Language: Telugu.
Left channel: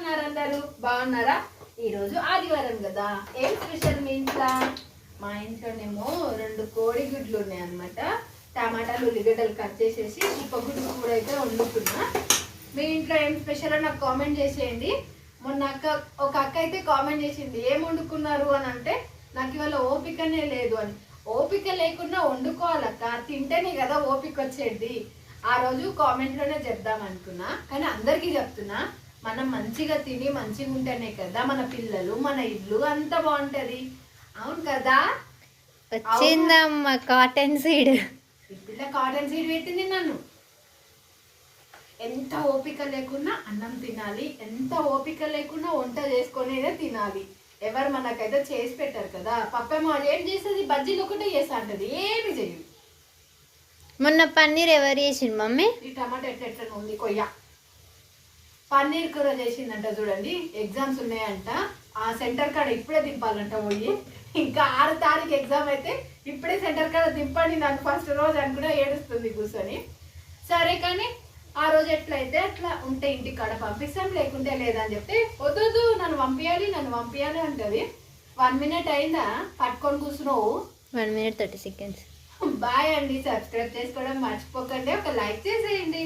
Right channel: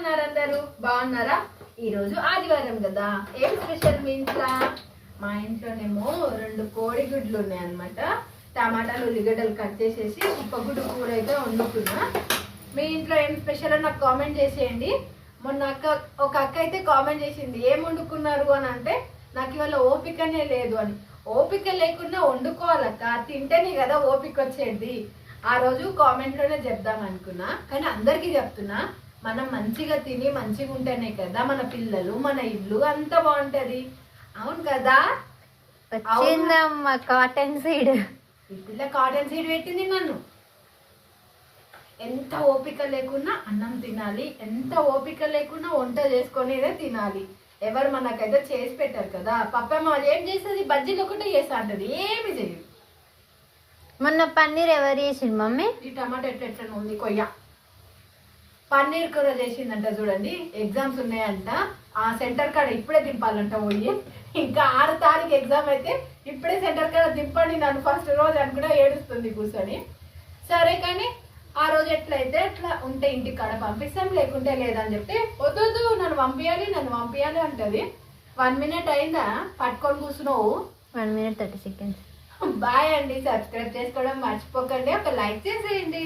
ఉన్నారు అందరూ బాగున్నారా? ఈరోజు ఆదివారం కదా, ఏం స్పెషల్ మీ ఇంట్లో? మా ఇంట్లోనేమో 2 కోడి గుడ్లు ఉన్నాయన్నమాట. టమాటాలు ఉల్లిగడ్డలు కట్ చేసేసి చిప్పగుడ్డు కూర అయితే వండుకున్నా. మీ ఇంట్లో ఏం స్పెషల్ నాకు కామెంట్ చేసేయండి. మొన్న ఒక అక్క అయితే కామెంట్ చేసింది, ఏం వండుకున్నారు అని. అంటే నాకు ఇవాళ ఓపికనే లేదు అని. ఓపిక లేకుండా వండుకోవాలక్క, తింటేనే కదా ఓపిక వచ్చేది. ఆ రోజు కామెంట్లోనే చెప్దాం అనుకున్నా, కానీ అందరికీ చెప్తున్నా, మనం మంచిగా తిని మంచిగా ఉంటేనే కదా మన పిల్లలు మన ఇల్లు అంత బాగుంటది. అవును కదా? వచ్చిందమ్మా కాటన్ సీడ్. పిల్ల కాటన్ సీడ్ పెట్టింది నన్ను. ఎంత ఓపిక లేకున్నా అన్నం తినాలి, ఎంత ఓపిక లేకున్నా వంట చేసుకునేదే తినాలి. ఎవరు మనకైతే చేసి పెట్టారు కదా. పప్పమ్మ ఏం చేస్తుంది, బజ్జీలు ఒకటే చేస్తా అంటది, ఏమి చేయదు. మొన్న పన్నీర్ ఎవరు చేసిండు మమ్మీ? ఈ టమాటా ఎట్లా ఉంది కొయ్య. పన్నీర్ కూర చేసిందంట. చూడండి, ఎగ్జామ్స్ ఉన్నాయంట. ఆ సెంటర్ కాడ ఇప్పుడే దింపాలంట పోయి. ఇంకా 6 తారీఖు ఎగ్జామ్ అయితే ఇప్పుడే సెంటర్ కాడ దింపండి నన్ను ఫస్ట్ రోజు అని కూడా ఏడుస్తుంది కూర్చొని. సరే కానీ ఆ రోజు ఎట్లయితే అట్లా ఉంటే ఇంటి కాడ పంపిస్తాం, లేకుంటే లేదని చెప్తే వద్దు నన్ను పంపించాలి అంటది. 1 మినిట్ అయిందా పట్టుకొని కూర్చున్నావు? 1 minute 30 seconds. బాయ్ అండి. సబ్స్క్రైబ్ చేసుకోవడం మర్చిపోకండి, ఒక లైక్ చేసేయండి.